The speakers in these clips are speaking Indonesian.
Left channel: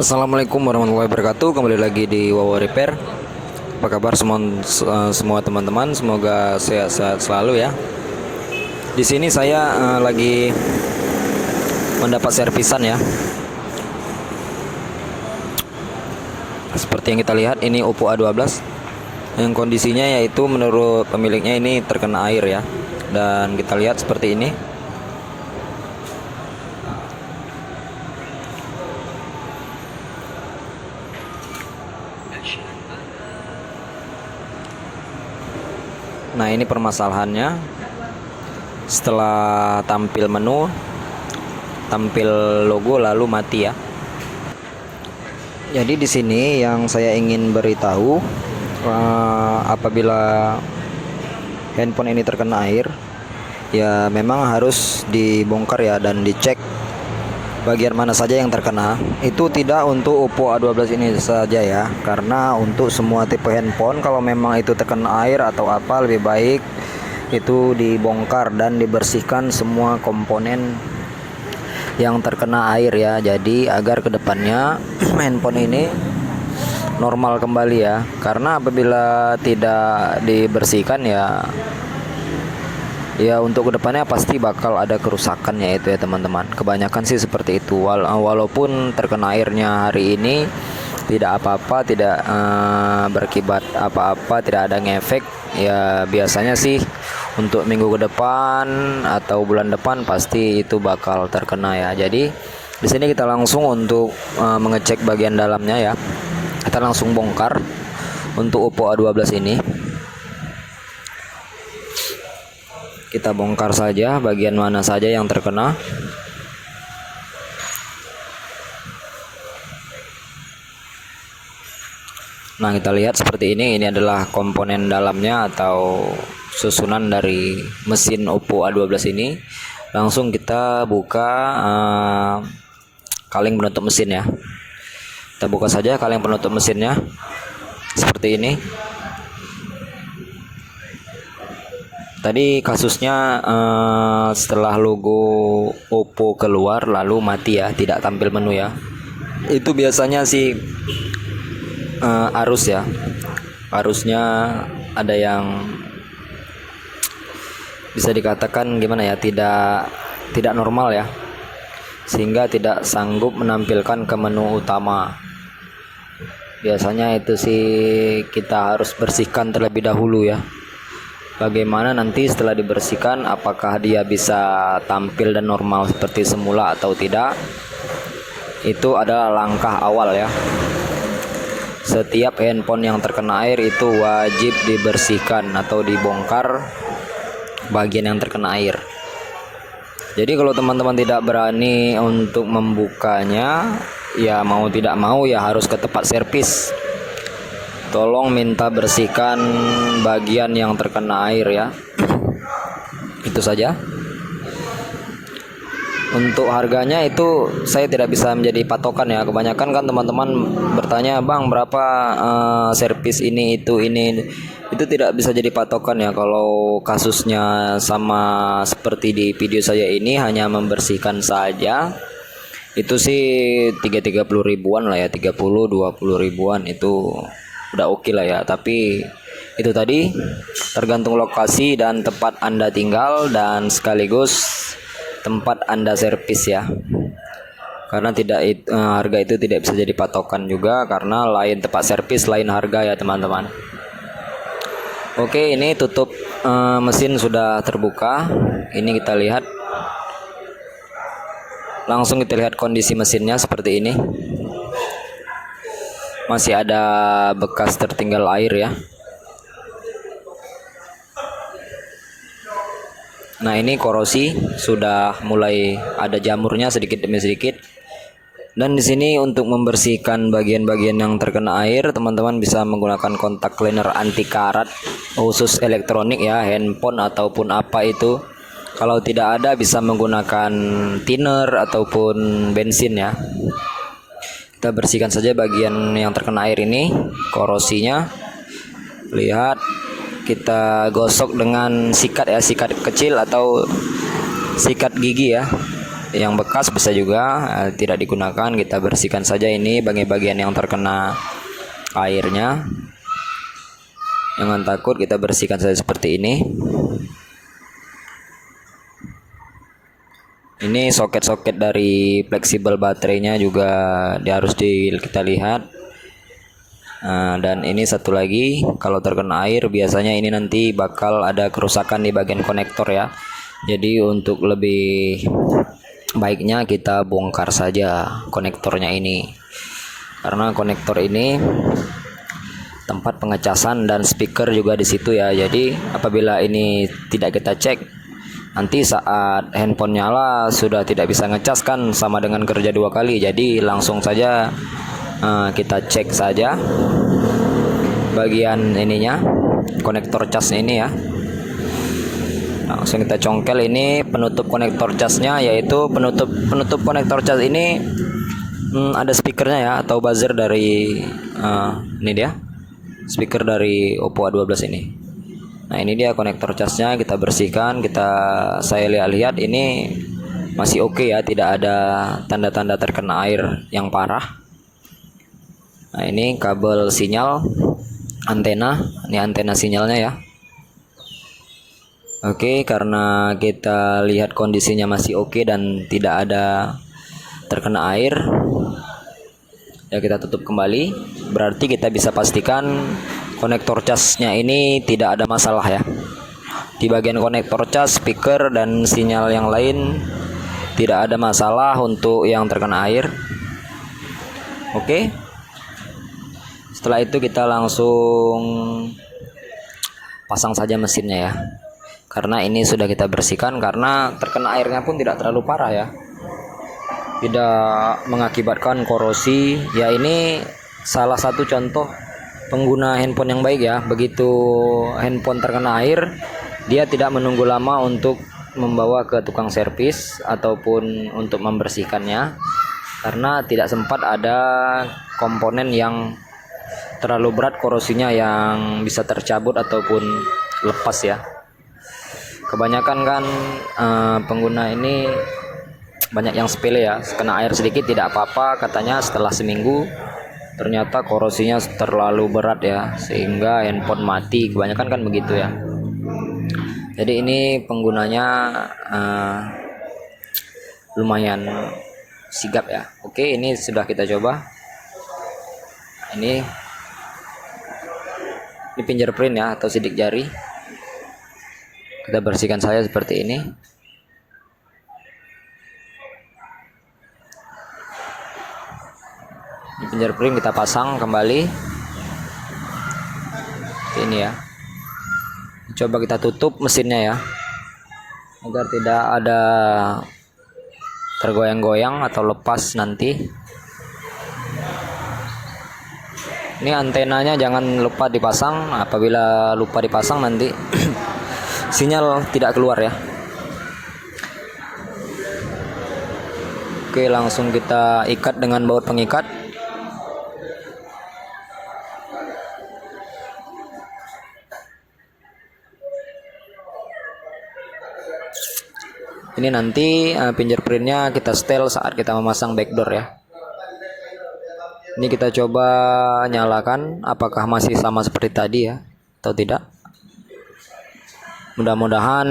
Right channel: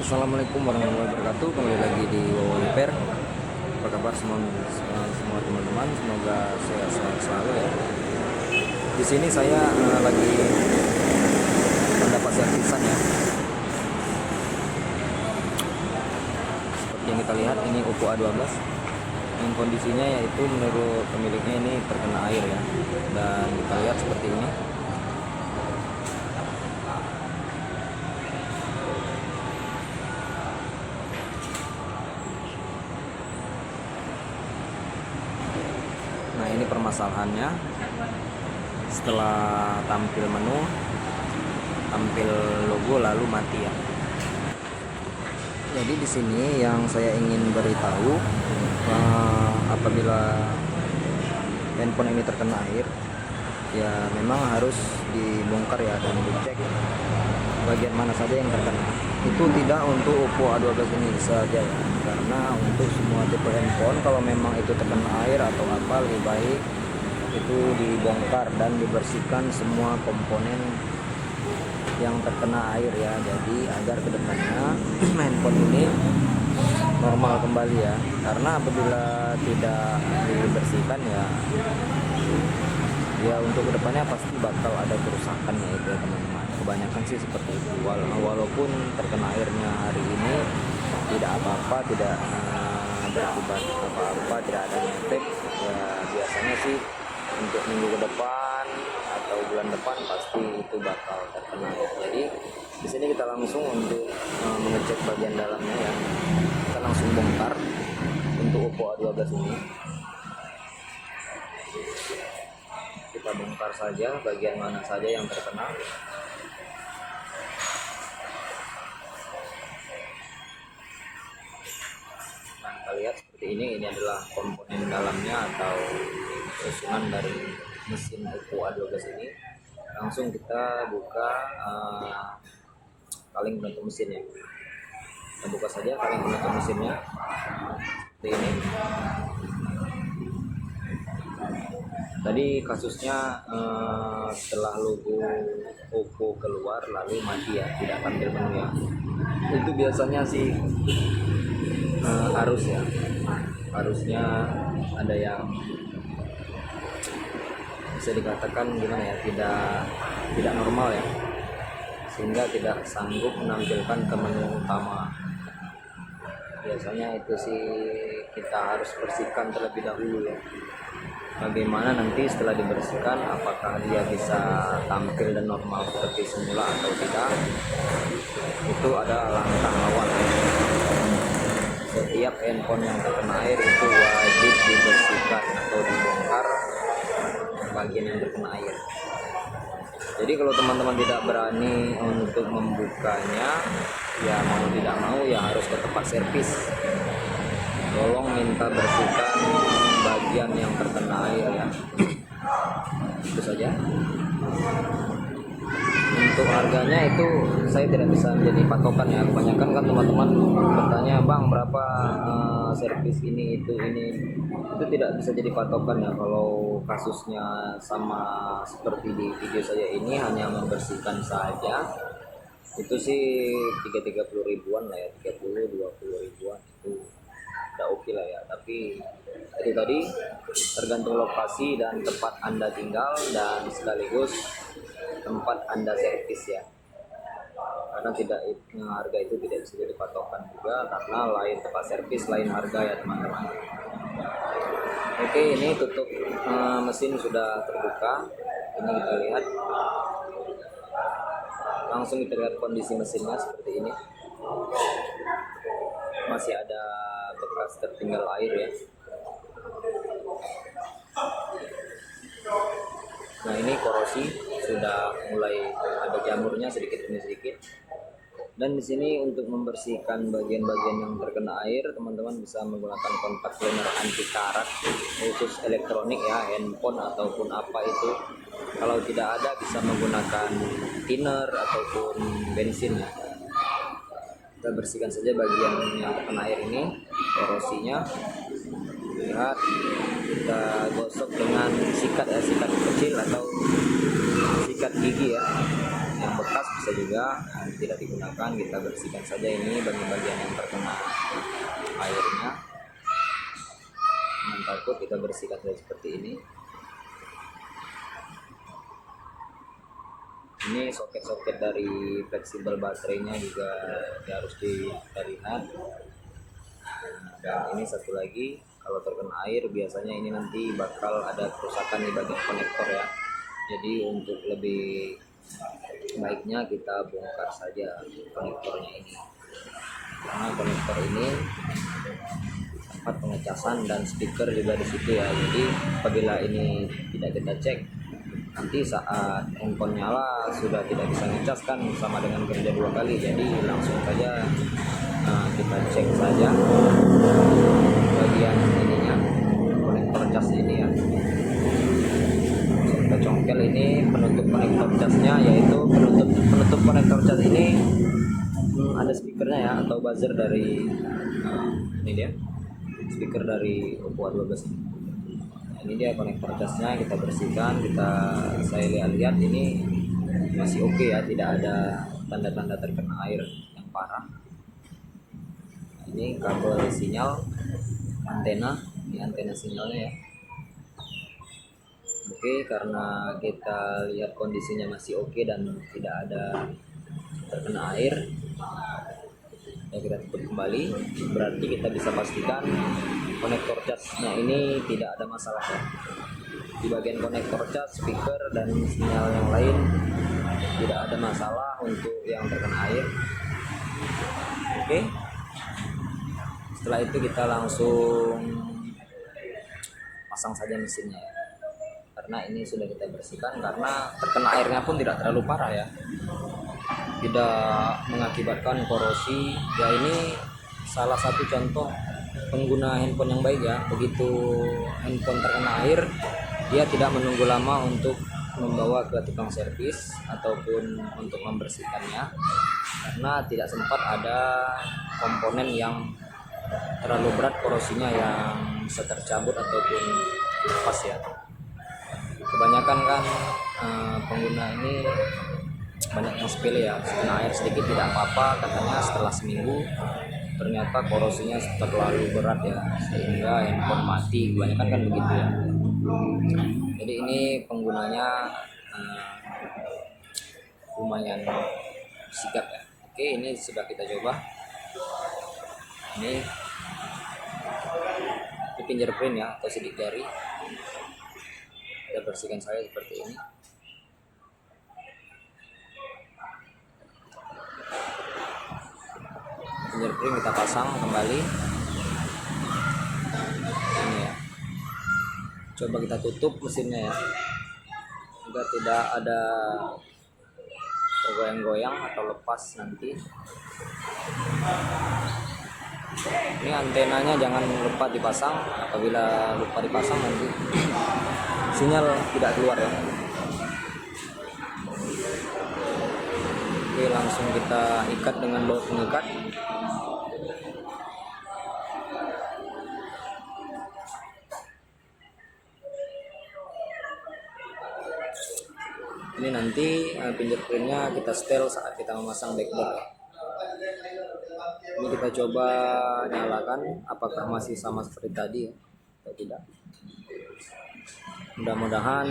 Assalamualaikum warahmatullahi wabarakatuh. Kembali lagi di Wawa Repair. Apa kabar semua teman-teman? Semoga sehat-sehat selalu ya. Di sini saya lagi mendapat servisan ya. Seperti yang kita lihat, ini Oppo A12 yang kondisinya yaitu menurut pemiliknya ini terkena air ya. Dan kita lihat seperti ini. Nah, ini permasalahannya. Setelah tampil menu, tampil logo lalu mati ya. Jadi di sini yang saya ingin beritahu, apabila handphone ini terkena air, ya memang harus dibongkar ya dan dicek bagian mana saja yang terkena. Itu tidak untuk Oppo A12 ini saja ya, karena untuk semua tipe handphone kalau memang itu terkena air atau apa, lebih baik itu dibongkar dan dibersihkan semua komponen yang terkena air ya. Jadi agar kedepannya handphone ini normal kembali ya, karena apabila tidak dibersihkan ya untuk kedepannya pasti bakal ada kerusakan ya itu ya teman-teman. Kebanyakan sih seperti itu. Walaupun terkena airnya hari ini tidak apa-apa, tidak berkibat apa-apa, tidak ada ngefek ya. Biasanya sih untuk minggu ke depan atau bulan depan pasti itu bakal terkena ya. Jadi di sini kita langsung untuk mengecek bagian dalamnya ya. Kita langsung bongkar untuk Oppo A12 ini. Kita bongkar saja bagian mana saja yang terkena. Nah, kita lihat seperti ini adalah komponen dalamnya atau susunan dari mesin Oppo A12 ini. Langsung kita buka kaleng penutup mesin ya. Kita buka saja kaleng penutup mesinnya seperti ini. Tadi kasusnya setelah logo Oppo keluar lalu mati ya, tidak tampil menu ya. Itu biasanya sih arus ya. Arusnya ada yang bisa dikatakan gimana ya, tidak normal ya. Sehingga tidak sanggup menampilkan ke menu utama. Biasanya itu sih kita harus bersihkan terlebih dahulu ya. Bagaimana nanti setelah dibersihkan, apakah dia bisa tampil dan normal seperti semula atau tidak, itu adalah langkah awal ya. Setiap handphone yang terkena air itu wajib dibersihkan atau dibongkar bagian yang terkena air. Jadi kalau teman-teman tidak berani untuk membukanya, ya mau tidak mau ya harus ke tempat servis. Tolong minta bersihkan bagian yang terkena air ya. Itu saja. Untuk harganya itu saya tidak bisa menjadi patokan ya. Kebanyakan kan teman-teman bertanya, "Bang, berapa servis ini itu ini?" Itu tidak bisa jadi patokan ya. Kalau kasusnya sama seperti di video saya ini, hanya membersihkan saja, itu sih 30 ribuan lah ya, 20 ribuan itu udah oke lah ya. Tapi itu tadi tergantung lokasi dan tempat Anda tinggal, dan sekaligus tempat Anda servis ya. Karena harga itu tidak bisa jadi patokan juga, karena lain tempat servis lain harga ya teman-teman. Oke, ini tutup mesin sudah terbuka. Ini kita lihat. Langsung kita lihat kondisi mesinnya seperti ini. Masih ada bekas tertinggal air ya. Nah, ini korosi sudah mulai ada jamurnya sedikit demi sedikit. Dan di sini untuk membersihkan bagian-bagian yang terkena air, teman-teman bisa menggunakan kontak cleaner anti karat khusus elektronik ya, handphone ataupun apa itu. Kalau tidak ada bisa menggunakan thinner ataupun bensin ya. Kita bersihkan saja bagian yang terkena air ini, korosinya. Lihat, kita gosok dengan sikat ya, sikat kecil atau sikat gigi ya. yang bekas bisa juga, tidak digunakan kita bersihkan saja ini bagian-bagian yang terkena airnya. Jangan takut, kita bersihkan saja seperti ini. Ini soket-soket dari fleksibel baterainya juga harus kita lihat. Dan ini satu lagi, kalau terkena air biasanya ini nanti bakal ada kerusakan di bagian konektor ya. Jadi untuk lebih baiknya kita bongkar saja konektornya ini, karena konektor ini tempat pengecasan dan speaker juga di situ ya. Jadi apabila ini tidak kita cek, nanti saat handphone nyala sudah tidak bisa ngecas kan, sama dengan kerja 2 kali. Jadi langsung saja kita cek saja bagian ininya, konektor cas ini ya. Langsung kita congkel ini penutup konektor casnya, yaitu penutup konektor cas ini ada speakernya ya, atau buzzer dari ini dia speaker dari Oppo A12 ini. Nah ini dia konektor casnya, kita bersihkan. Saya lihat ini masih oke ya, tidak ada tanda-tanda terkena air yang parah. Nah ini kabel sinyal antena, ini antena sinyalnya ya. Oke, karena kita lihat kondisinya masih oke dan tidak ada terkena air, ya kita tutup kembali. Berarti kita bisa pastikan konektor casnya ini tidak ada masalah ya. Di bagian konektor cas, speaker dan sinyal yang lain tidak ada masalah untuk yang terkena air. Oke. Setelah itu kita langsung pasang saja mesinnya ya, karena ini sudah kita bersihkan. Karena terkena airnya pun tidak terlalu parah ya, tidak mengakibatkan korosi ya. Ini salah satu contoh pengguna handphone yang baik ya. Begitu handphone terkena air, dia tidak menunggu lama untuk membawa ke tukang servis ataupun untuk membersihkannya, karena tidak sempat ada komponen yang terlalu berat korosinya yang bisa tercabut ataupun lepas ya. Kebanyakan kan pengguna ini banyak yang sepele ya, kena air sedikit tidak apa-apa katanya, setelah seminggu ternyata korosinya terlalu berat ya, sehingga handphone mati. Kebanyakan kan begitu ya. Jadi ini penggunanya lumayan sigap ya. Oke, ini sudah kita coba. Ini fingerprint ya, atau sidik jari. Kita bersihkan saja seperti ini. Fingerprint kita pasang kembali. Ini ya. Coba kita tutup mesinnya ya, agar tidak ada tergoyang-goyang atau lepas nanti. Ini antenanya jangan lupa dipasang. Apabila lupa dipasang nanti sinyal tidak keluar ya. Oke, langsung kita ikat dengan baut pengikat. Ini nanti fingerprintnya kita setel saat kita memasang backdoor ya. Ini kita coba nyalakan, apakah masih sama seperti tadi ya atau tidak. Mudah-mudahan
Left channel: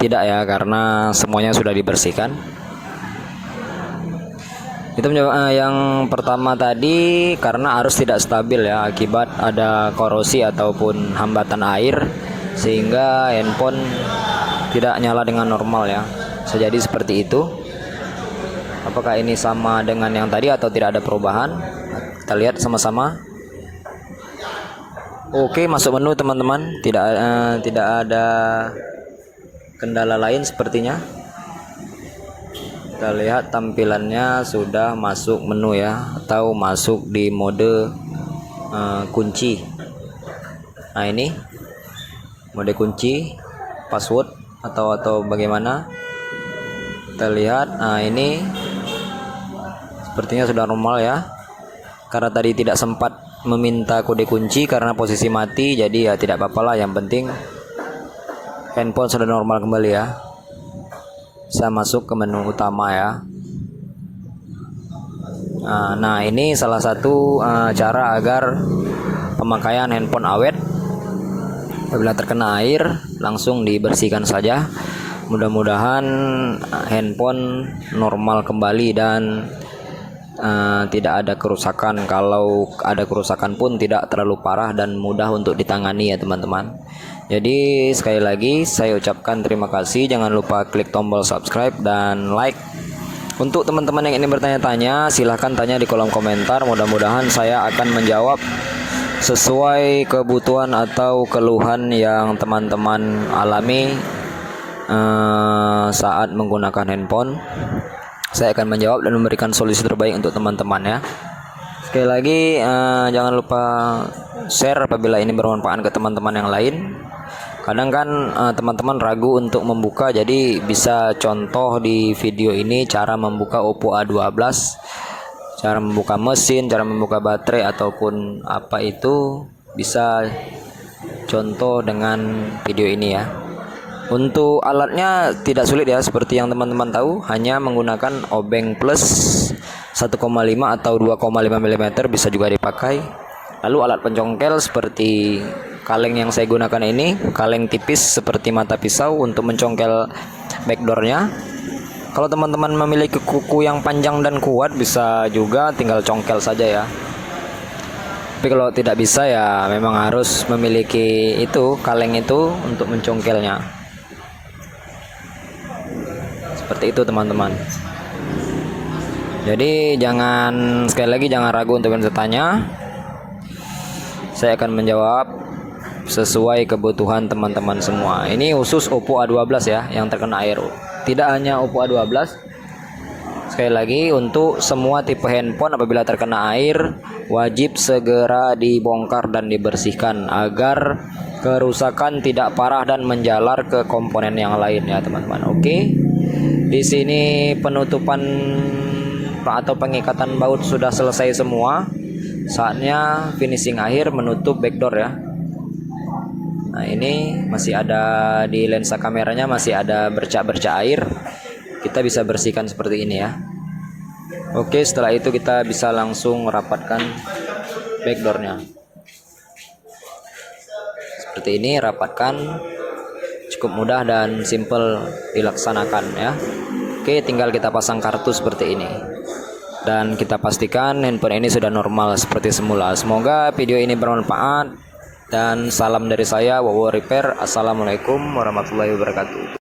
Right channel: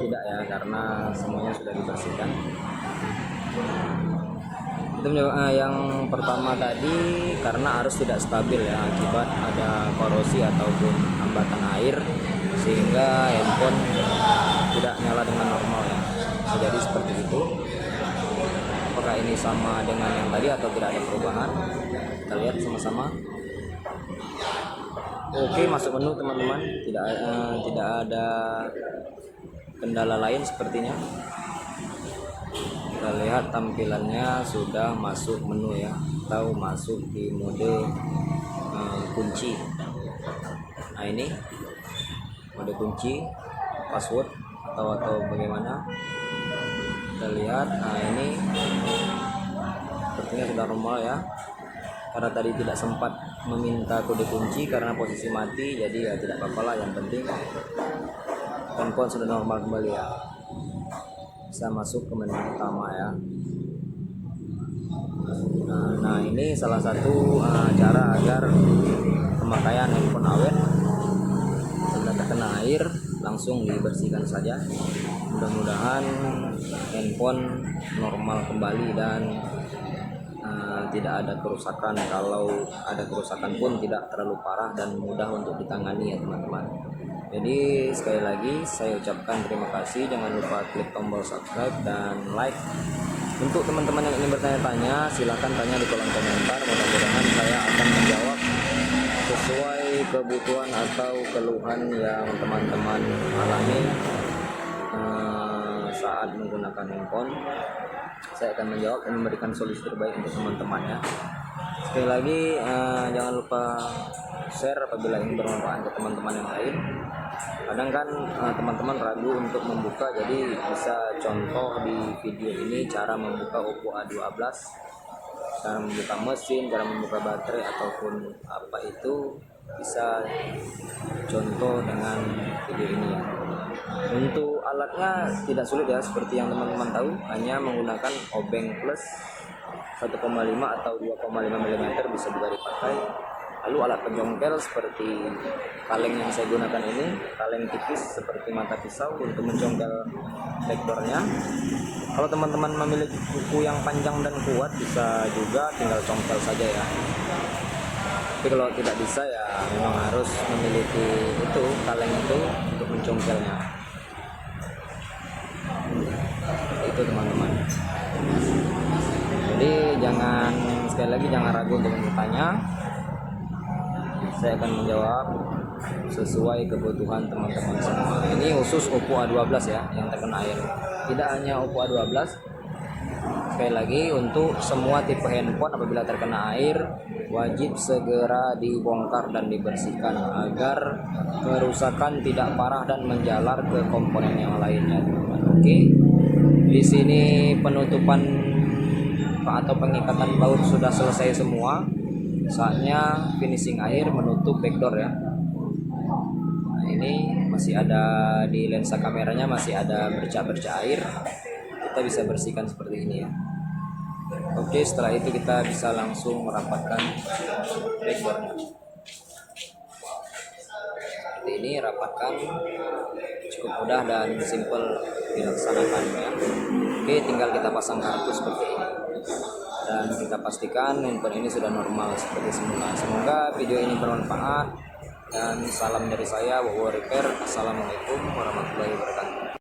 tidak ya, karena semuanya sudah dibersihkan. Itu yang pertama tadi, karena arus tidak stabil ya, akibat ada korosi ataupun hambatan air, sehingga handphone tidak nyala dengan normal ya. Bisa jadi seperti itu. Apakah ini sama dengan yang tadi atau tidak ada perubahan? Kita lihat sama-sama. Oke, masuk menu teman-teman. Tidak ada kendala lain sepertinya. Kita lihat tampilannya sudah masuk menu ya, atau masuk di mode kunci. Nah ini mode kunci, password atau bagaimana. Kita lihat. Nah ini sepertinya sudah normal ya, karena tadi tidak sempat meminta kode kunci karena posisi mati. Jadi ya tidak apa-apa lah, yang penting handphone sudah normal kembali ya. Saya masuk ke menu utama ya. Nah, ini salah satu cara agar pemakaian handphone awet. Apabila terkena air, langsung dibersihkan saja. Mudah-mudahan handphone normal kembali dan tidak ada kerusakan. Kalau ada kerusakan pun tidak terlalu parah dan mudah untuk ditangani ya teman-teman. Jadi sekali lagi saya ucapkan terima kasih. Jangan lupa klik tombol subscribe dan like. Untuk teman-teman yang ingin bertanya-tanya, silahkan tanya di kolom komentar. Mudah-mudahan saya akan menjawab sesuai kebutuhan atau keluhan yang teman-teman alami saat menggunakan handphone. Saya akan menjawab dan memberikan solusi terbaik untuk teman-teman ya. Sekali lagi jangan lupa share apabila ini bermanfaat ke teman-teman yang lain. Kadang kan teman-teman ragu untuk membuka, jadi bisa contoh di video ini cara membuka Oppo A12, cara membuka mesin, cara membuka baterai ataupun apa itu, bisa contoh dengan video ini ya. Untuk alatnya tidak sulit ya, seperti yang teman-teman tahu, hanya menggunakan obeng plus 1,5 atau 2,5 mm bisa juga dipakai. Lalu alat pencongkel seperti kaleng yang saya gunakan ini, kaleng tipis seperti mata pisau untuk mencongkel backdoornya. Kalau teman-teman memiliki kuku yang panjang dan kuat, bisa juga tinggal congkel saja ya. Tapi kalau tidak bisa ya memang harus memiliki itu, kaleng itu untuk mencongkelnya. Seperti itu teman-teman. Jadi sekali lagi jangan ragu untuk bertanya. Saya akan menjawab sesuai kebutuhan teman-teman semua. Ini khusus Oppo A12 ya yang terkena air. Tidak hanya Oppo A12. Sekali lagi, untuk semua tipe handphone apabila terkena air wajib segera dibongkar dan dibersihkan agar kerusakan tidak parah dan menjalar ke komponen yang lain ya teman-teman. Oke. Di sini penutupan atau pengikatan baut sudah selesai semua. Saatnya finishing akhir, menutup backdoor ya. Nah, ini masih ada di lensa kameranya, masih ada bercak-bercak air. Kita bisa bersihkan seperti ini ya. Oke, setelah itu kita bisa langsung merapatkan backdoornya. Seperti ini, rapatkan. Cukup mudah dan simple dilaksanakan ya. Oke, tinggal kita pasang kartu seperti ini. Dan kita pastikan handphone ini sudah normal seperti semula. Semoga video ini bermanfaat. Dan salam dari saya, Wowo Repair. Assalamualaikum warahmatullahi wabarakatuh.